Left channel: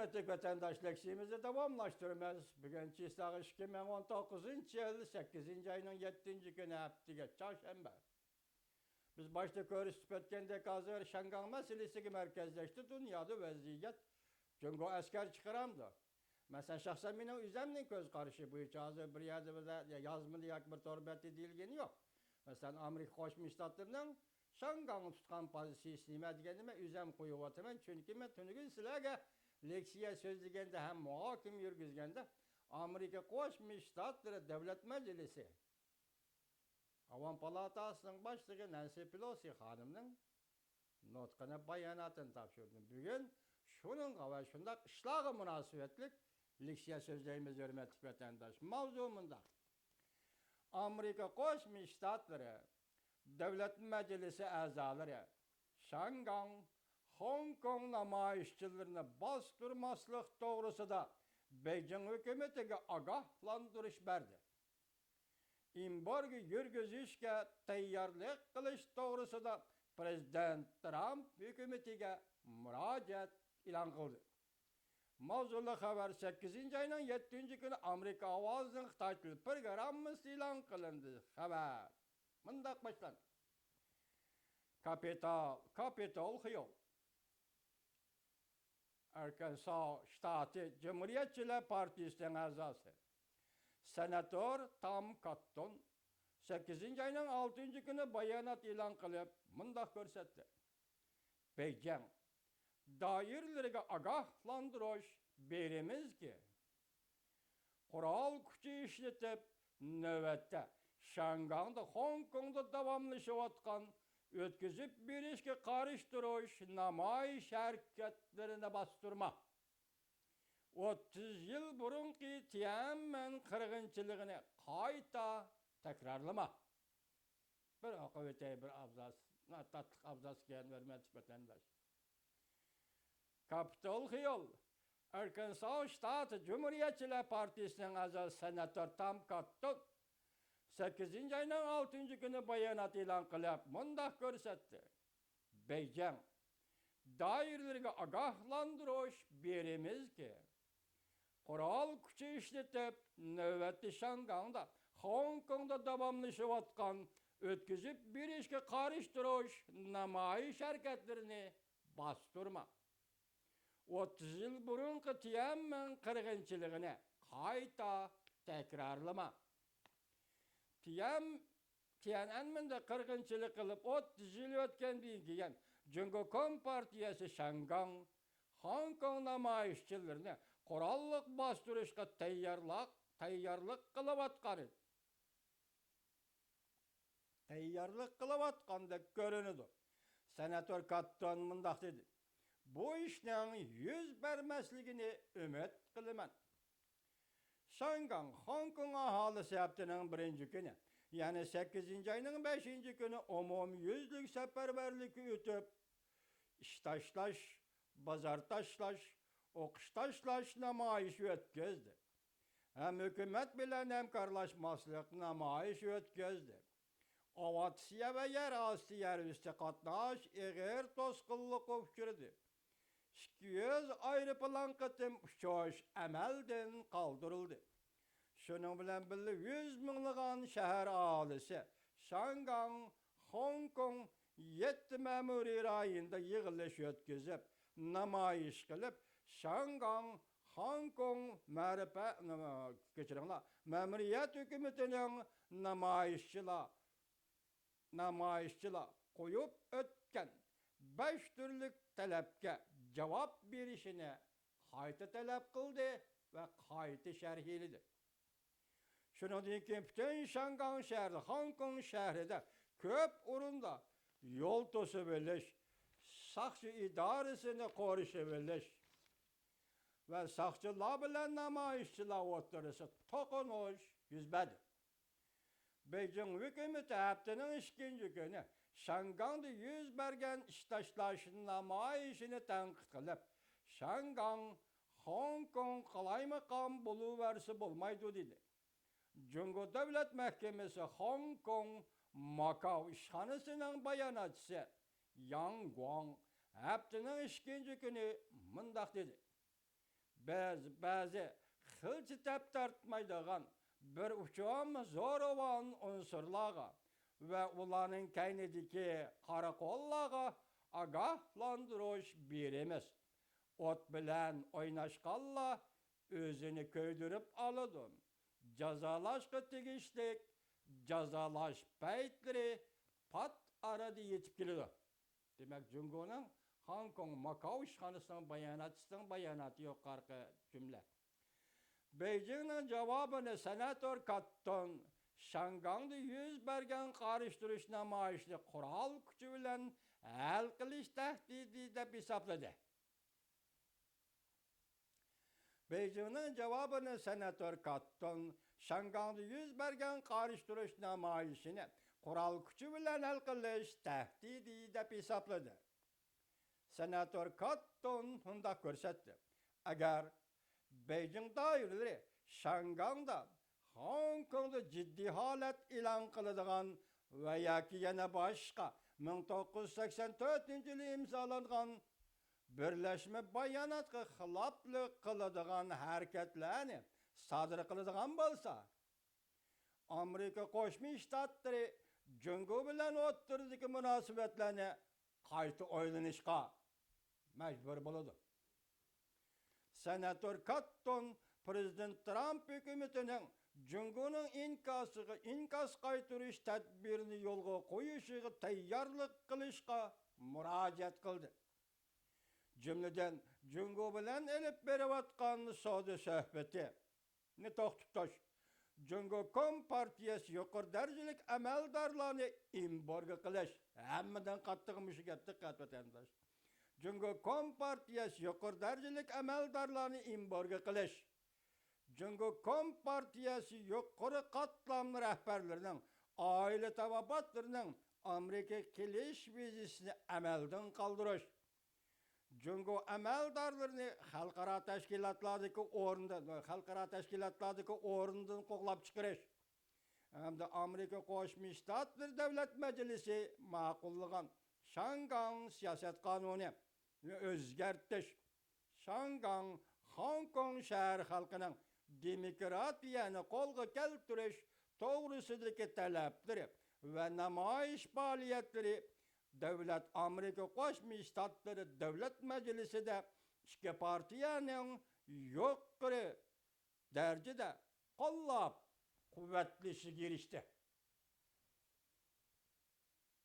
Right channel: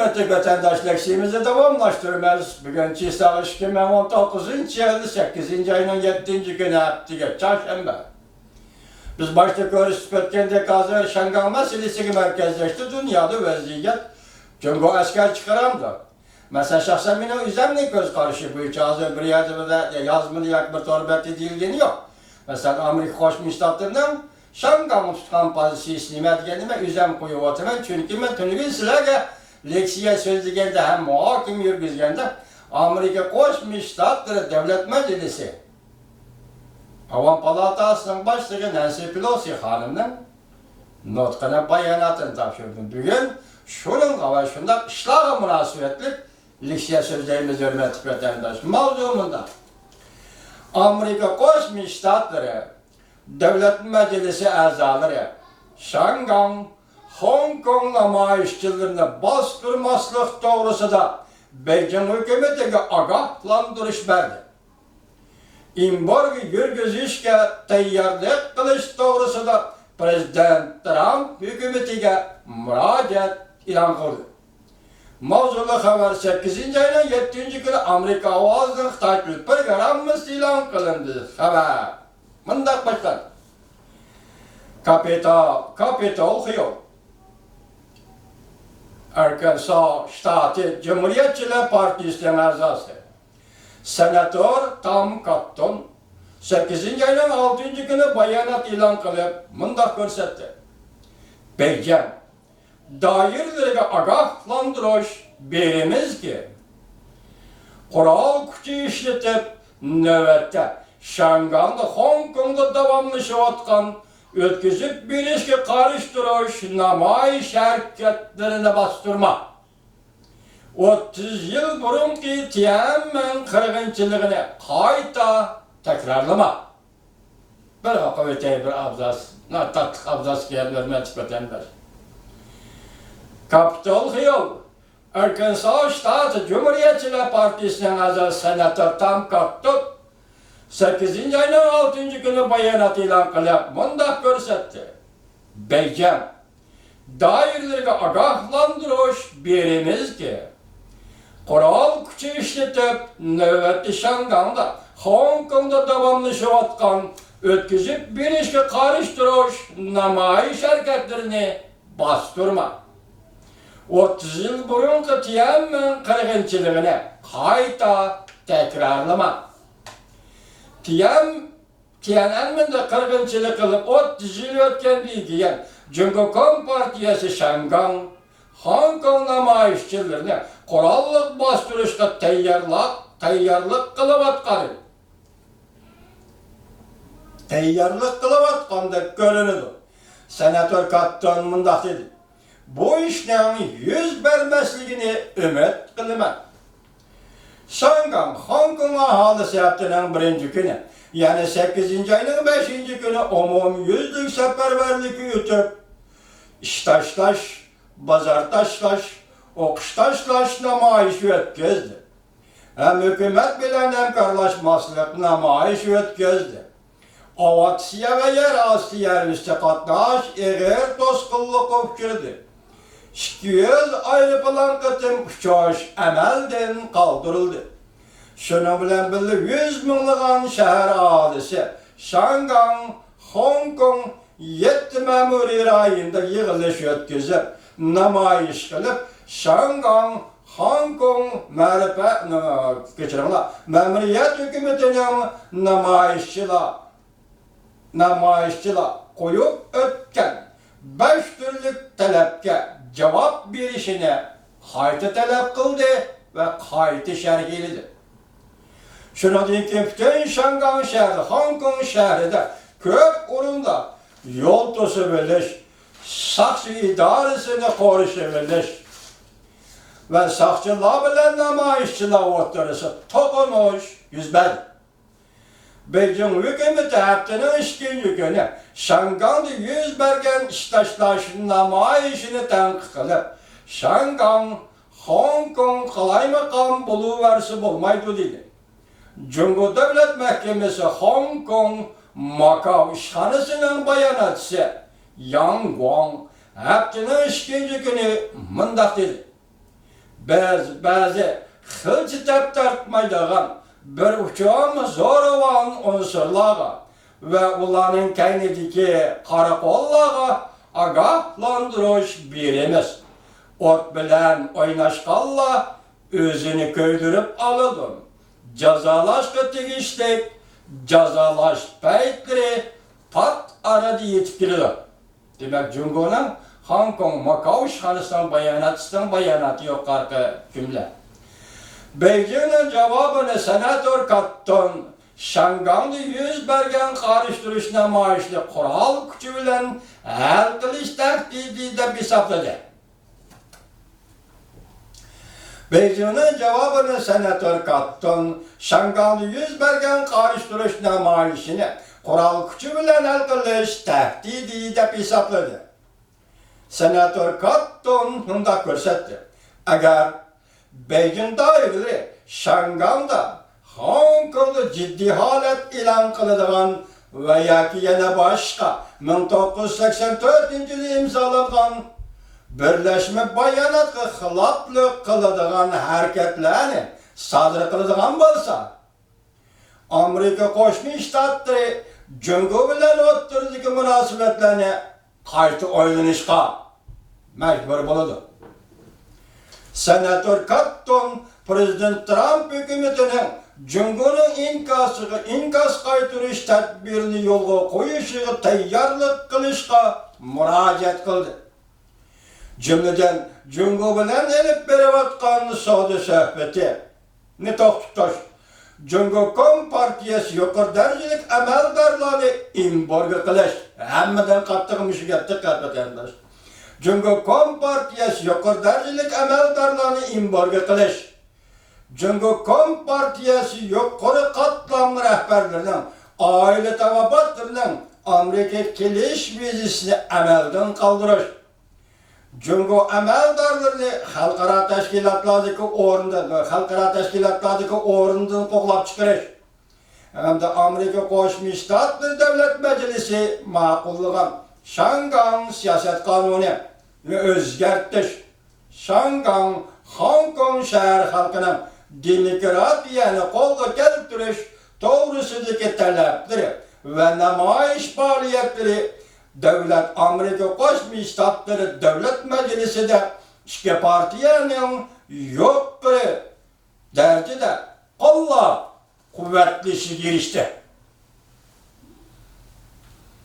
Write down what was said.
Hürmetli vatandaşlar, şeyimizi devamlaştırmaz. Bugün Çiğsağ 2019 yılı 8. ayının 7. günü haftiga çarşamba. Biz başta görüşüp ötkende hazır Şangan meselesi merkezleşti. Dünyada vaziyet çünkü asker çıkaramdı. Mesela şahsen benim üzerine göz karışı bu içi hazır bir yerde yazmalı yak bir torbet edildiğini yok. Mesela Amerika Koşmuş Ştatlarından Şangan tutan pozisiyonu etkenime üzem koyup oturmam çünkü ben tünükün silahı leksiye sözlüğünde hem muhakim yürgüzgende Amerika Koşmuş Ştatları Devlet Meclisi Havan Palatası'nın başlığı Nancy Pelosi hanımın notkana bayanatını tavşırdım. Bugün şunun ve şunda işlağa münasebetlik leksiye sözlerimiz hürmetli vatandaş mavzumunda Amerika Koşmuş Ştatları Devlet Meclisi azaları Şangan, Hong Kong namayişçilerini bastırmaslık doğrusu da Beijing hükümetine agahlandırış verdi. İmbargı yürgüzüşke teyyarlık kılış doğrusu da Prezident Trump hükümetine müracaat ilan kıldı. Mavzulu haber 8. ayının 7. günü Amerika Ovazı'nın takip programımız ilan kılındı. Haber. Mındak başlar. Capitol Hill. Arkansas Ştatı Cumhuriyetçiler Partisi'nin azası. Senatör Tom Cotton 8. ayının 6. günü bayanat ilan kılıp mındak görsetti. Beijing dairlerine agahlandırış berimiz ki kural gücü işletip nöbette Şangan'da Hong Kong'da devamlaşıvatkan ötküzüp bir işe karıştırış namayiş hareketlerine bastırma. 30 yıl burunki Tiananmen kırgınçılığını kayta tekrarlama. Bir kuvvete bir abzas, tatlık abzas gelmez vatandaş. Capitol Hill, Arkansas Ştatı Cumhuriyetçiler Partisi'nin azaz senatör Tom Cotton 8. ayının 6. günü bayanat ilan kılıp mındak görsetti. Beijing dairlerine agahlandırış berimiz ki kural gücü işletip nöbetli Şangan'da Hong Kong'da devamlaşıvatkan ötküzüp bir işe karıştırış namayiş hareketlerini bastırma. 30 yıl burunki Tiananmen kırgınçılığını kayta tekrarlama. Tiananmen'de kırgınçılık kılıp 30 yıl ötken bilgiyen Cumhuriyet Partiyası Şangan, Hong Kong namayişçilerine kurallık bastırışta teyyarlık kılıvatkanı. Teyyarlık kılıvatkanı görünüdü. Senatör Cotton mındak dedi. Bu işlerin yüz vermesliğini ümit kılma. Şangan, Hong Kong ahalisi haftanın 1. günü, yani 8. ayının 5. günü umumyüzlük seferberlik yürütüp, iştaşlaş, bazartaşlaş, okuştaşlaş namayiş ötküzdü. Hem hükümet bilen hemkarlaşmaslık namayiş ötküzdü. Avatsiya ve yer astı yer üstü katnaş, eğer toskıllık öpkürdü. 200 ayrı plan kıtım uçuş emelden kaldırıldı. Şunu bilen bildi 100 binliğin şehir ahalisi Şangan, Hong Kong 7 memuri rayında yığılış ötküzüp namayiş kılıp Şangan, Hong Kong memuriyet hükümetinin namayişçiler koyup ötken 5 türlük talepke cevap verişine kayıtı talep kıldı ve kayıtı şerhiledi. Şuna deyin ki bütün Şangan şehri, Hong Kong şehrinde köp orunda yol tosu biliş, sakçı idaresini koruşu biliş ve sakçılar bilen namayişçiler oturursa tokunuş yüzbedi. Beijing hükümeti haftanın 2. günü Şangan'da yüz bergen iştaşlaşın namayişini tenkit kılıp Şangan, Hong Kong kaymakam buluversi bulmaydı dedi. Cumhur Devlet Mahkemesi Hong Kong Macau işhanısının bayanatçısı Yang Guang haftanın 2. günü mındak dedi. bazı hılçıtap tartmaydıgan bir uçağın zor olan unsurlağa ve ulanın kendideki karakollağa agahlandırış birimiz. Ot bilen oynaşkalla özünü köydürüp alıdın. Cazalaşkı tigiştik, cazalaş peytleri pat aradı yetkilidir. Demek Cungo'nun Hong Kong, Macau şanısından bayanatı yok arka cümle. Beijing'in cevabını senatör Katton, Şangang'da yüz bergen karıştırışına maaşlı kural gücü bilen hal kılıç tehdidi de hesapladı. Beijing'in cevabını senatör Katton, Şangang'da yüz bergen karıştırışına maaşlı kural gücü bilen hal kılıç tehdidi de hesapladı. Senatör Katton hunda görsetti. Eğer Beijing dairleri Şangang'da Hong Kong'da ciddi halet ilan kılıdığan veya ki yine başka 1984 yılı imzalanan Birleşme Bayanatı hılaplı kılıdığan hareketlerini sadır kılıdığan bolsa Amerika Koşmuş Ştatları Cungo bilen otturdaki münasebetlerini kaytı oylanışka mecbur buludu. Senatör Katton, Prezident Trump hükümetinin Cungo'nun inkas kaytırış tedbirini yolga koyuşuğa tayyarlık kılışka müracaat kıldı. Cümleden Cungo bilen elip berivatkan soğudu sohbeti. Ne tohtutoş, Cungo Kompartiyası yukarı derecelik emeldarları imborga kılış. Hemmeden kaptığımışı gettik kapatırlar. Cungo Kompartiyası yukarı derecelik emeldarlarını imborga kılış. Cungo Kompartiyası yukarı katlamlı rehberlerinin, aile tavabatlarının Amerika kiliş vizisini emelden kaldırış. Cungo emeldarlarını halkara teşkilatlardaki orundan koklap çıkarış. Hem de Amerika Koşmuş Ştatları Devlet Meclisi makulluğun Şangang siyaset kanunu ve özgertiş. Şangang, Hong Kong şehir halkının demokratiyani kolga keltiriş doğrusudaki talepleri ve namayiş faaliyetleri Devlet Amerika Koşmuş Ştatları Devlet Meclisi de iki partiyanın yokları derecede Allah kuvvetlisi girişti.